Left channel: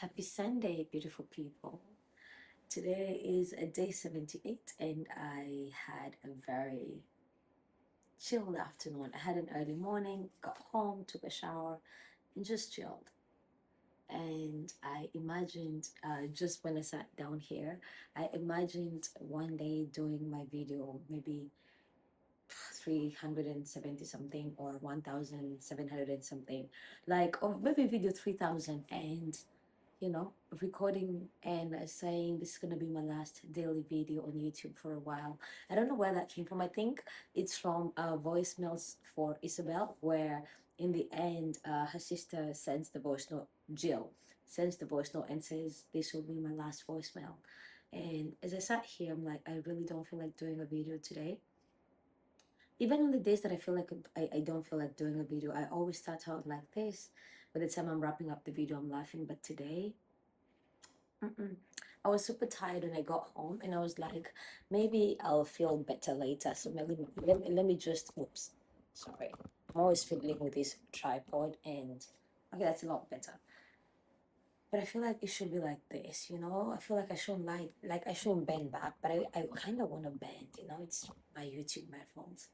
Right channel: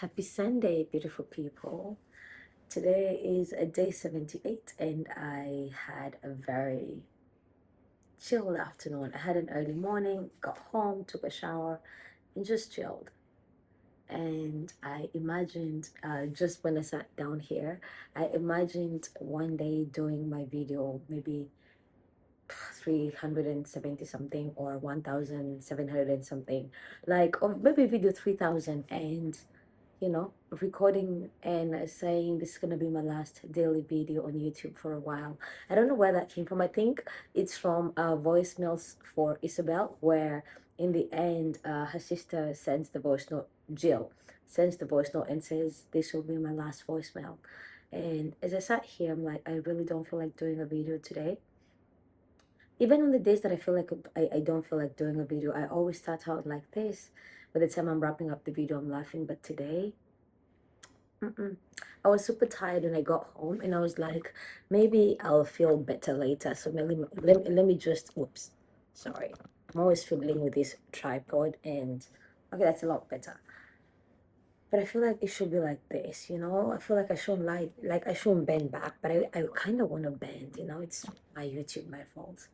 Happy Sunday, beautiful people. Today is a day 78, and I had a very chilled afternoon. I had an early morning, got home, took a shower, and just chilled. And I imagined, just when I sat down here, I imagined one day doing my video, maybe 370 something or 1700 and something, like, or maybe video 3000, and recording and saying this is going to be my last daily video on YouTube for a while. I don't know where that came from. I think it's from voicemails for Isabel, where in the end, her sister sends the voice note, Jill sends the voice note and says, this will be my last voicemail. And as I sat here, I'm like, I really don't feel like doing a video today. Even on the days that I feel like I don't feel like doing a video, I always start out like this. By the time I'm wrapping up the video, I'm laughing. But today, mm-mm. I was super tired when I got home, and I was like, maybe I'll feel better later. So let me just, oops, sorry. I'm always fiddling with this tripod, and okay, that's a lot better. But I feel like it should be like this, I feel like I shouldn't like I shouldn't bend back, but I kind of want to bend, It's my YouTube, my fault.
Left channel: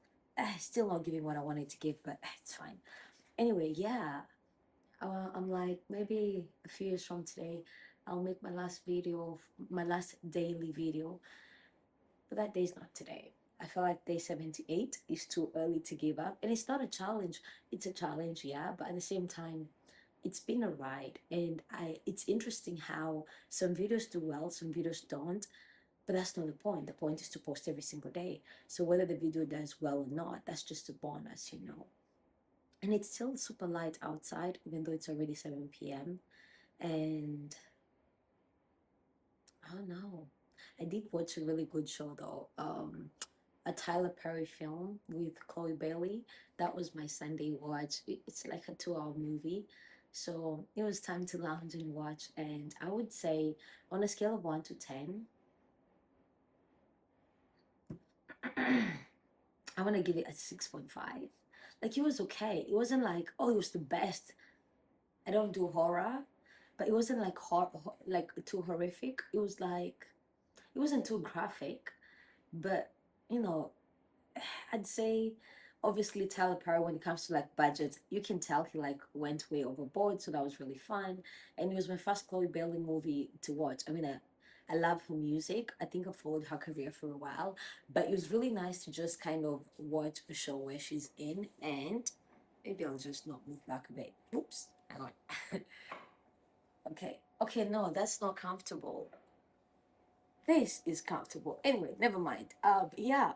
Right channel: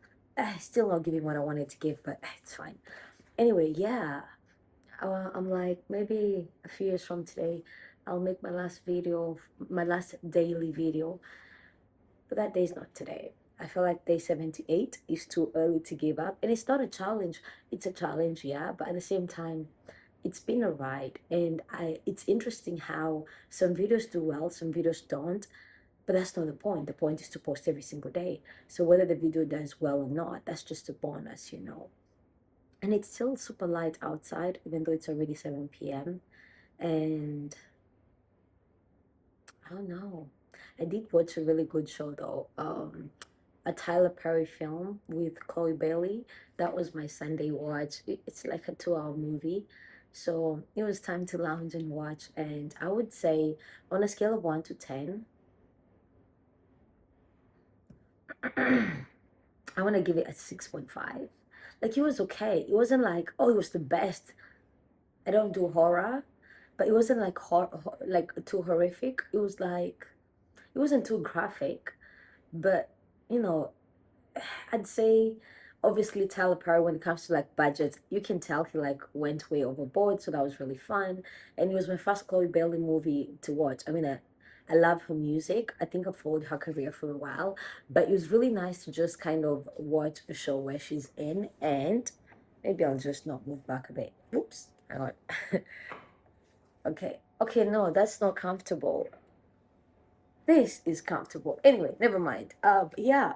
Still not giving what I wanted to give, but it's fine. Anyway, yeah, I'm like, maybe a few years from today, I'll make my last video, my last daily video, but that day's not today. I feel like day 78 is too early to give up. And it's not a challenge. It's a challenge, yeah, but at the same time, it's been a ride. And it's interesting how some videos do well, some videos don't. But that's not the point. The point is to post every single day. So whether the video does well or not, that's just a bonus. And it's still super light outside, even though it's already 7 p.m. And I don't know. I did watch a really good show though. A Tyler Perry film with Chloe Bailey. That was my Sunday watch. It's like a 2 hour movie. So it was time to lounge and watch. And I would say on a scale of 1 to 10, I want to give it a 6.5. Like, it was okay. It wasn't like, oh, it was the best. I don't do horror, but it wasn't like like too horrific. It was like, it wasn't too graphic, but you know, I'd say obviously Tyler Perry, when it comes to like budgets, you can tell he like went way overboard, so that was really fun. And it was my first Chloe Bailey movie to watch. I mean, I love her music. I think I followed her career for a while, but it was really nice to just kind of watch a show where she's in. And maybe I'll just not move back a bit. Oops, hang on. Okay, no, that's not comfortable. This is comfortable. Anyway, never mind. But yeah,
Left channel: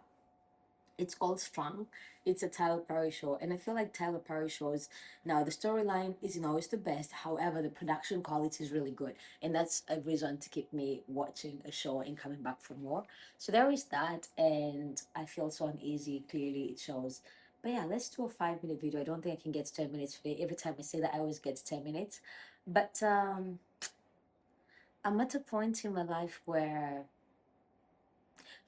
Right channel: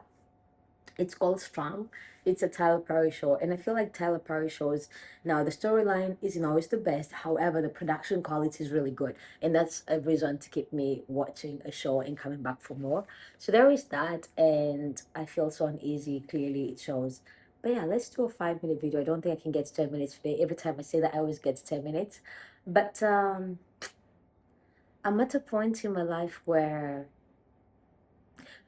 it's called Strong. It's a Tyler Perry show, and I feel like Tyler Perry shows, now the storyline isn't always the best. However, the production quality is really good, and that's a reason to keep me watching a show and coming back for more. So there is that, and I feel so uneasy. Clearly, it shows. But yeah, let's do a 5 minute video. I don't think I can get to 10 minutes today. Every time I say that, I always get to 10 minutes. But I'm at a point in my life where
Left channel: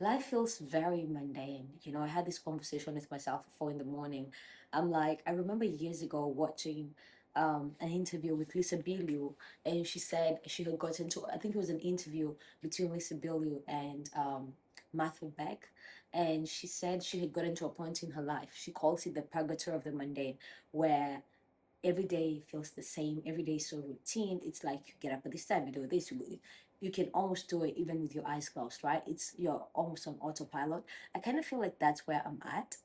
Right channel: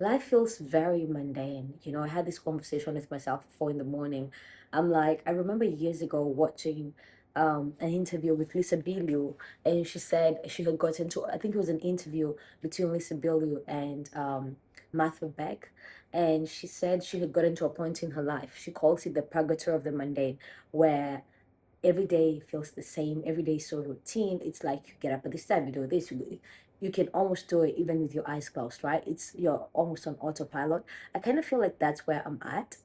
life feels very mundane. I had this conversation with myself at 4 in the morning. I'm like, I remember years ago watching an interview with Lisa Bilyeu, and she said she had got into, I think it was an interview between Lisa Bilyeu and Martha Beck, and she said she had got into a point in her life. She calls it the purgatory of the mundane, where every day feels the same. Every day is so routine. It's like you get up at this time, you do this. You can almost do it even with your eyes closed, right? You're almost on autopilot. I kind of feel like that's where I'm at,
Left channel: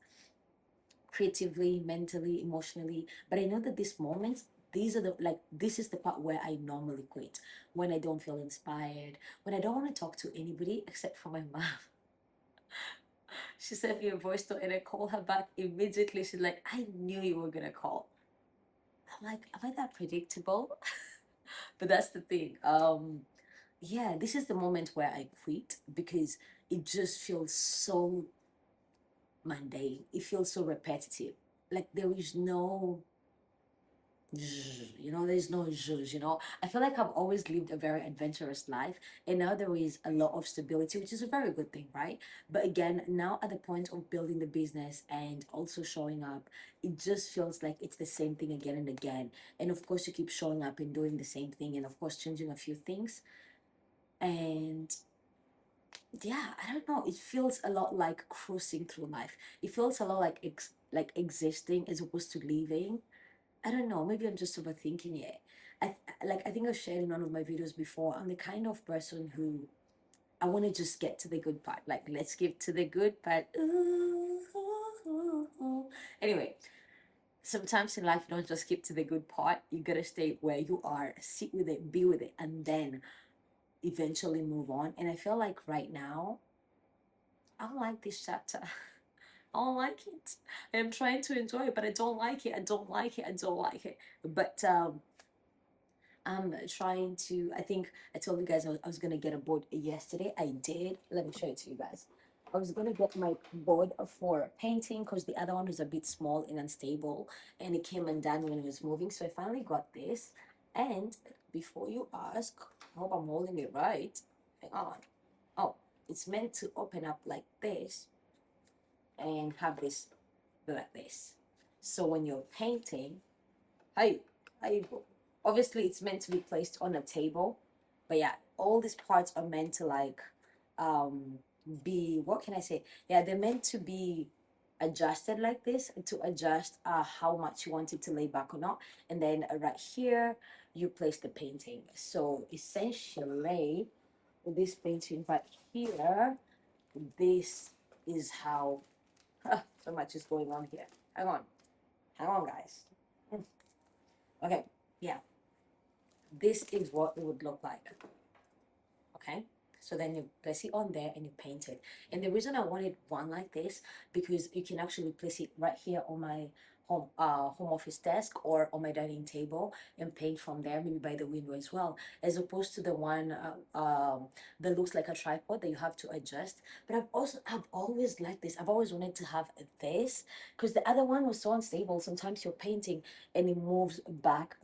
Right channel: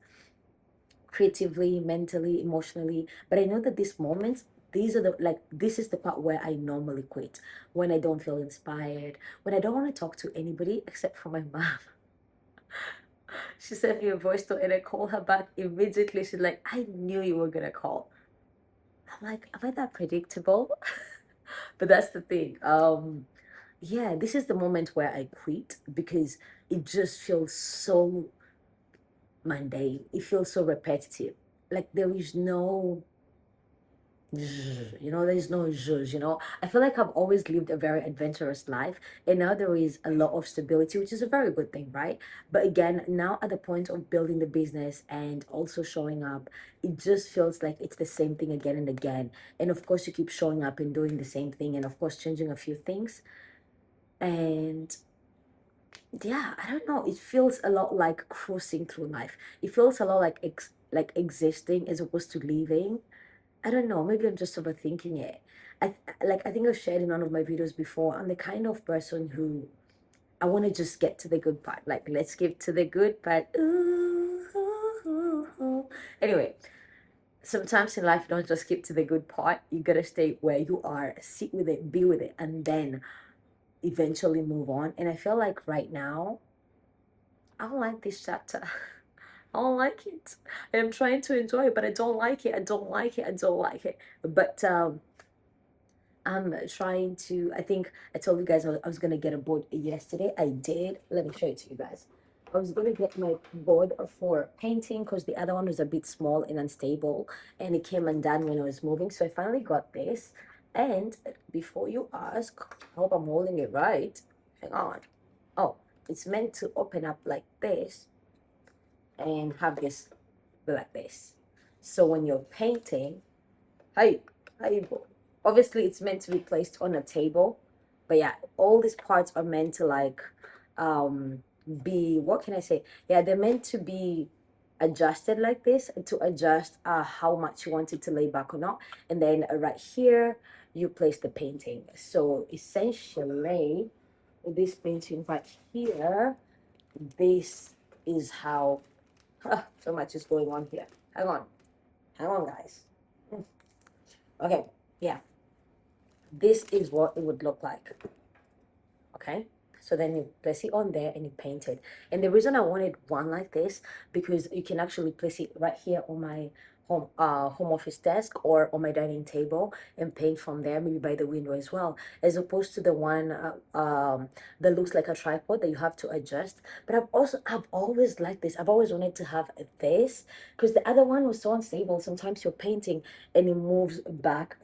creatively, mentally, emotionally. But I know that these moments, this is the part where I normally quit, when I don't feel inspired, when I don't want to talk to anybody except for my mom. She sent me a voice note and I called her back immediately. She's like, I knew you were gonna call. I'm like, am I that predictable? But that's the thing. Yeah, this is the moment where I quit, because it just feels so mundane. It feels so repetitive. Like, there is no you know, there's no zhuzh, you know. I feel like I've always lived a very adventurous life, and now there is a lot of stability, which is a very good thing, right? But again, now at the point of building the business and also showing up, it just feels like it's the same thing again and again. And of course, you keep showing up and doing the same thing, and of course, changing a few things. And yeah, I don't know, it feels a lot like cruising through life. It feels a lot like like existing as opposed to living. I don't know, maybe I'm just overthinking it. I think I've shared in one of my videos before, I'm the kind of person who I want to just get to the good part. Like, let's get to the good part. Ooh, ooh, ooh, ooh. Anyway, sometimes in life you don't just skip to the good part. You gotta stay where you are, sit with it, be with it, and then eventually move on. And I feel like right now, I don't like this chapter. I don't like it. I'm trying to enjoy it, but I don't like it. I don't like it. I don't like it. But I'm trying to. I think I told you guys I was gonna get a board yesterday. I did. Let me show it to you guys. I was gonna get my board for painting because the other one was a bit small and unstable, and it came undone when I was moving. So I finally got this. And before you ask, I hope I'm holding it right. Hang on. Oh, it's meant to open up like this and have this like this. So when you're painting, hi, hi, obviously it's meant to be placed on a table, but yeah, all these parts are meant to like um be, what can I say? Yeah, they're meant to be adjusted like this to adjust how much you want it to lay back or not. And then right here you place the painting. So essentially with this painting right here, this is how so much is going on here. Hang on guys. Okay, yeah, this is what it would look like. Okay, so then you place it on there and you paint it. And the reason I wanted one like this, because you can actually place it right here on my home office desk or on my dining table and paint from there, maybe by the window as well, as opposed to the one that looks like a tripod that you have to adjust. But I've always liked this. I've always wanted to have this because the other one was so unstable. Sometimes you're painting and it moves back,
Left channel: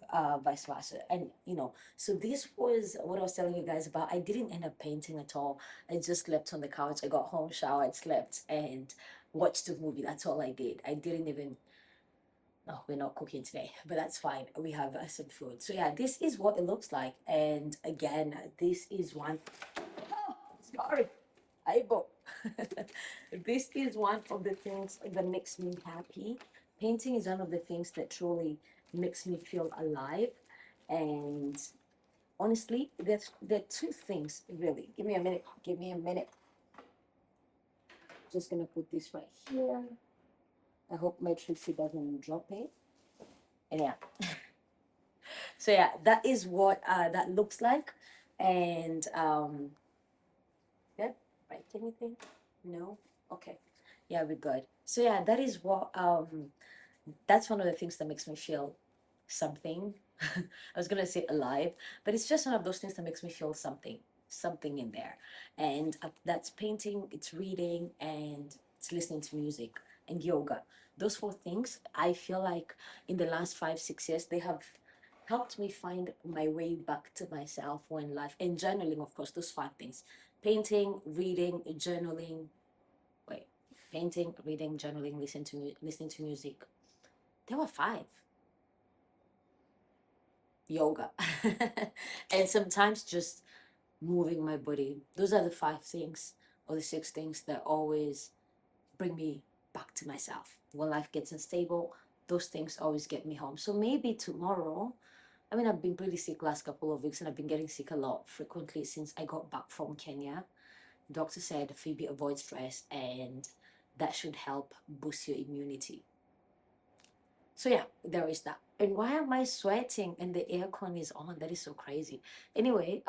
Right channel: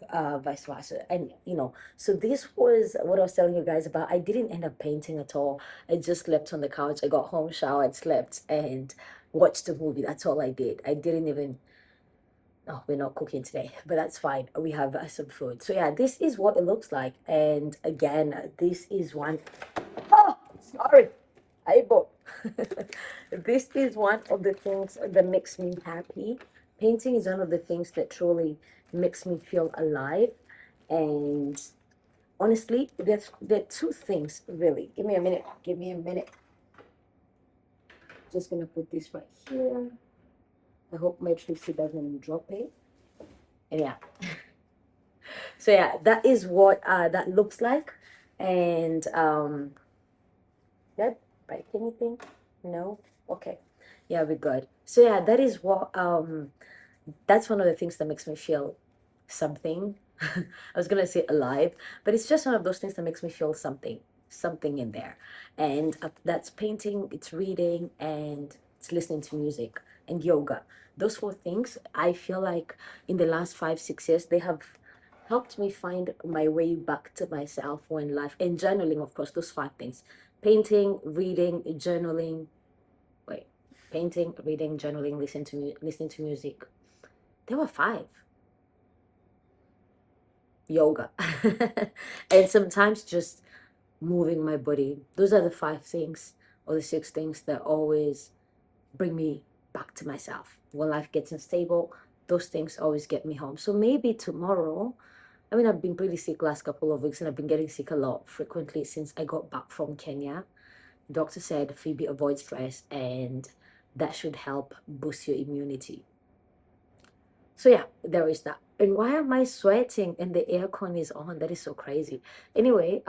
vice versa, and you know. So this was what I was telling you guys about. I didn't end up painting at all. I just slept on the couch. I got home, showered, slept, and watched the movie. That's all I did. I didn't even. Oh, we're not cooking today, but that's fine. We have some food. So yeah, this is what it looks like. And again, this is one. Oh, sorry. I bought. This is one of the things that makes me happy. Painting is one of the things that truly makes me feel alive. And honestly, there are two things really. Give me a minute. Give me a minute. Just gonna put this right here. I hope my Trixie doesn't drop it. And yeah. So yeah, that is what that looks like. And that break anything? No? Okay. Yeah, we're good. So yeah, that is what that's one of the things that makes me feel something. I was gonna say alive, but it's just one of those things that makes me feel something, something in there. And that's painting, it's reading, and it's listening to music and yoga. Those four things, I feel like in the last 5, 6 years, they have helped me find my way back to myself when life, and journaling, of course, those 5 things: painting, reading, journaling. Wait, painting, reading, journaling, listening to music. There were 5. Yoga. And sometimes just moving my body. Those are the 5 things or the 6 things that always bring me back to myself. When life gets unstable, those things always get me home. So maybe tomorrow, I mean, I've been pretty sick last couple of weeks and I've been getting sick a lot frequently since I got back from Kenya. Doctor said Phoebe, avoid stress and that should help boost your immunity. So yeah, there is that. And why am I sweating and the aircon is on? That is so crazy. Anyway,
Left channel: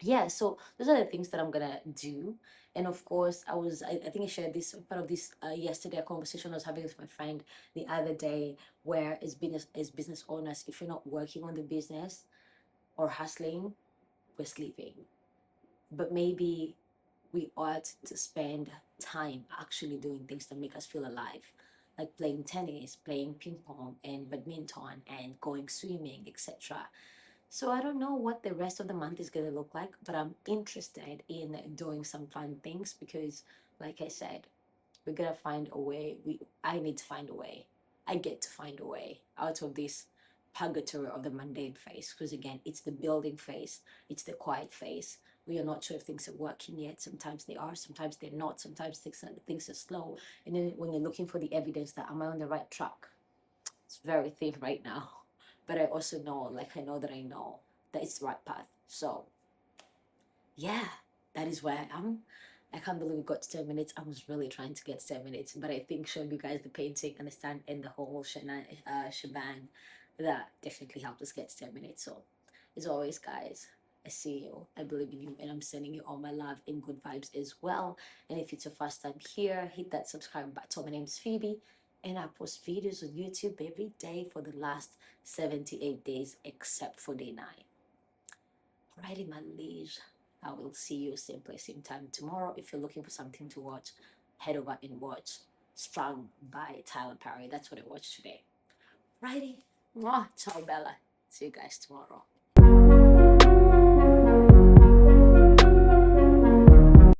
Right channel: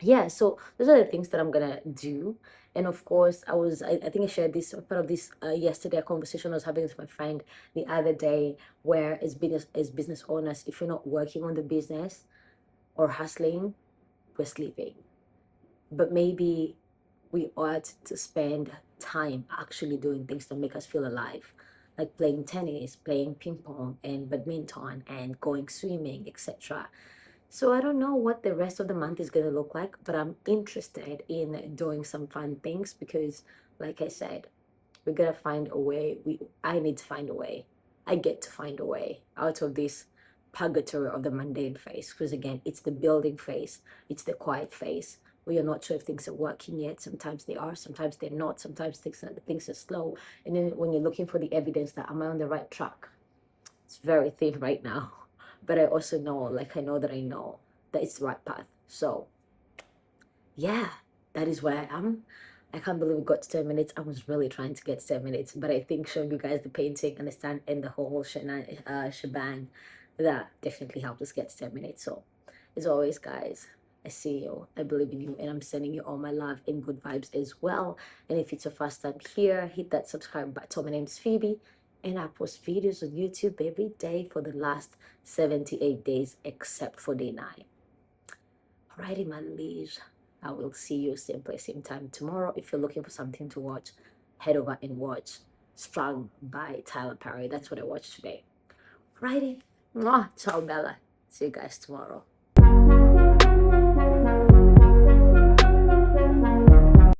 yeah, so those are the things that I'm gonna do. And of course, I think I shared this part of this yesterday, a conversation I was having with my friend the other day, where as business owners, if you're not working on the business or hustling, we're sleeping. But maybe we ought to spend time actually doing things that make us feel alive. like playing tennis, playing ping pong and badminton, and going swimming, etc. So I don't know what the rest of the month is going to look like, but I'm interested in doing some fun things because, like I said, we're gonna find a way. I need to find a way. I get to find a way out of this purgatory of the mundane phase. Because again, it's the building phase, it's the quiet phase. We are not sure if things are working yet. Sometimes they are, sometimes they're not. Sometimes things are slow. And then when you're looking for the evidence that am I on the right track, it's very thin right now. But I also know, like I know that I know that it's the right path. So yeah, that is where I am. I can't believe we got to 10 minutes. I was really trying to get to 10 minutes, but I think showing you guys the painting and the stand and the whole shebang, that definitely helped us get to 10 minutes. So, as always, guys, I see you, I believe in you, and I'm sending you all my love and good vibes as well. And if it's your first time here, hit that subscribe button. My name is Phoebe, and I post videos on YouTube every day for the last 78 days, except for day 9. Alrighty, my liege. I will see you same place, same time tomorrow. If you're looking for something to watch, head over and watch Strong by Tyler Perry. That's what I watched today. Alrighty. Mwah. Ciao, Bella. See you guys tomorrow.